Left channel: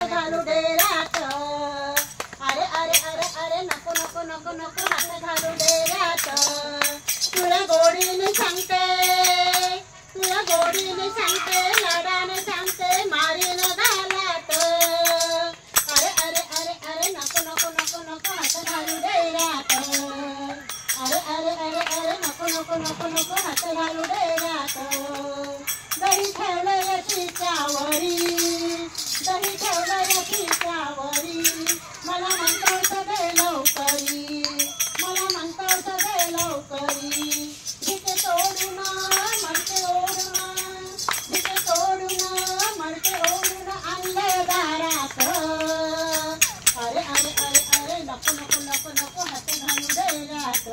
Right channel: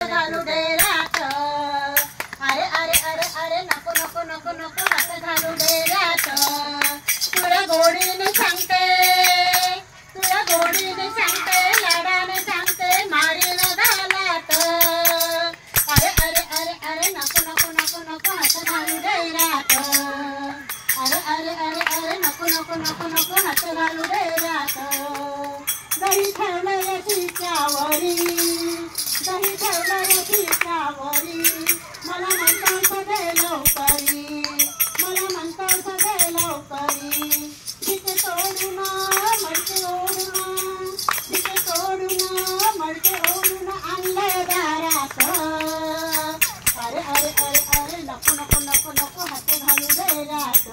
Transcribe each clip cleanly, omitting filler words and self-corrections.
घालू दे रात. अरे अरे अरे अरे नको नको नको नको हात घालू दे रात. तुला गोडीने सांगते, तुला गोडीने सांगते, लाडाने सांगते, मारीन घालात. अरे अरे अरे अरे नको नको नको नको हात घालू दे रात. अरे अरे अरे अरे नको नको नको नको हात घालू दे रात. दही ठेवलं चिच्यावरी, दही ठेवलं चिच्यावरी, मला म्हणतो सदे लवकरी, मला म्हणतो सदे लवकरी. तिथे तोडून मडके ओढून, तिथे तोडून मडके ओढून आणलं दारात. अरे अरे अरे अरे नको नको नको नको हात घालू दे रात.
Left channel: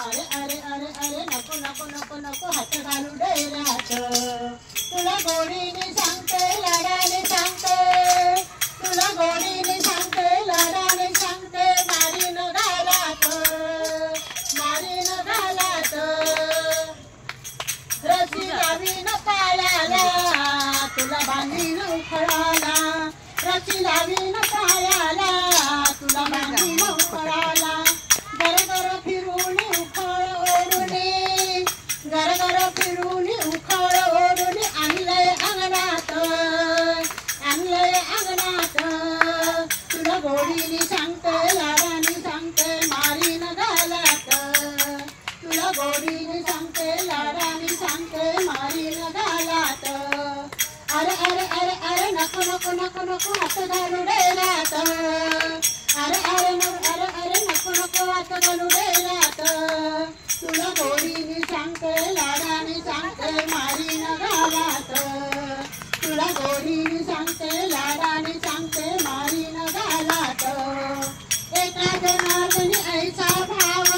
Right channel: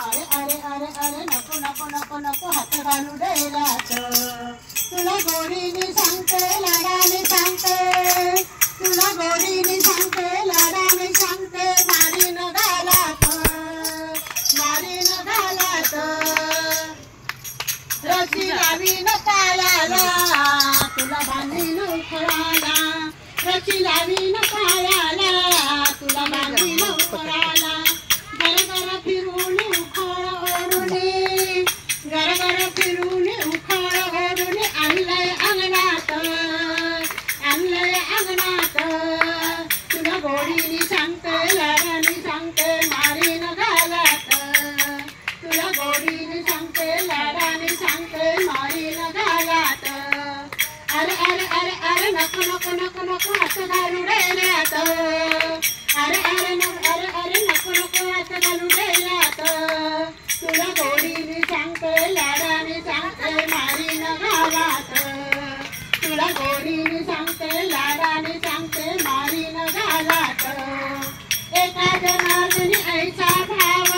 अरे अरे अरे अरे नको नको नको नको हात घालू दे रात. तुला गोडीने सांगते, लाडाने सांगते, तुला गोडीने सांगते, लाडाने सांगते, मारीन घालात, मारीन घालात. रशी लावीन पायाला, तुला बांधीन उखळाला, रशी लावीन पायाला, तुला बांधीन उखळाला. गरगर फिरून उखळ ओढून, गरगर फिरून उखळ ओढून आणलंय अंगणात, आणलंय अंगणात. तुला गोडीने सांगते, लाडाने सांगते, मारीन घालात. तुला गोडीने सांगते, लाडाने सांगते, मारीन घालात. अरे अरे अरे अरे नको नको नको नको हात घालू दे रात. अरे अरे अरे अरे नको नको हात घालू दे रात. तुला गोडीने सांगते, लाडाने सांगते, मारीन घालात. तुला गोडीने सांगते, लाडाने सांगते, मारीन घालात. एका जनार्दनी ऐसा भाव,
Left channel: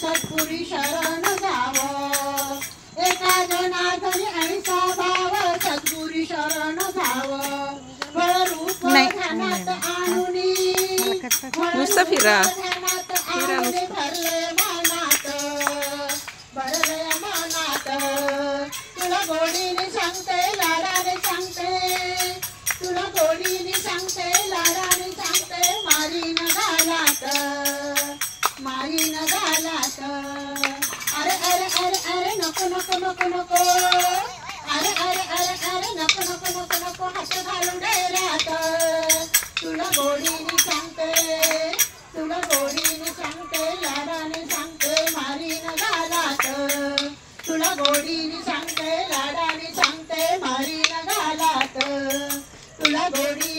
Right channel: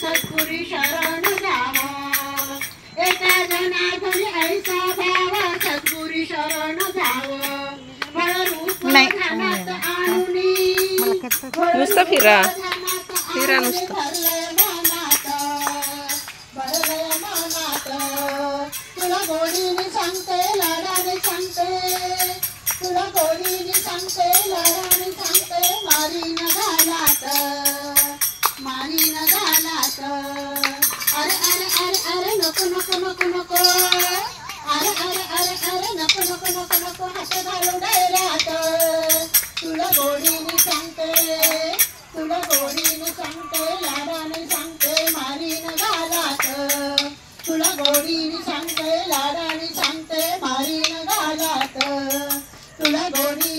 सद्गुरी शरण जावं. एका जनार्दनी ऐसा भाव, सद्गुरी शरण जावं. फळरूप ध्यानात आणुनी, नुसतं फिरा फिरा नुसतं. भरलंय मनात, भरलंय मनात. तुला गोडीने सांगते, लाडाने सांगते, तुला गोडीने सांगते, लाडाने सांगते, मारीन घालात, मारीन घालात. अरे अरे अरे अरे नको नको नको नको, अरे अरे अरे अरे नको नको नको नको हात घालू दे रात. तुला गोडीने सांगते, तुला गोडीने सांगते, लाडाने सांगते, मारीन घालात. तुला गोडीने सांगते, लाडाने सांगते, मारीन घालात. तुला गोडी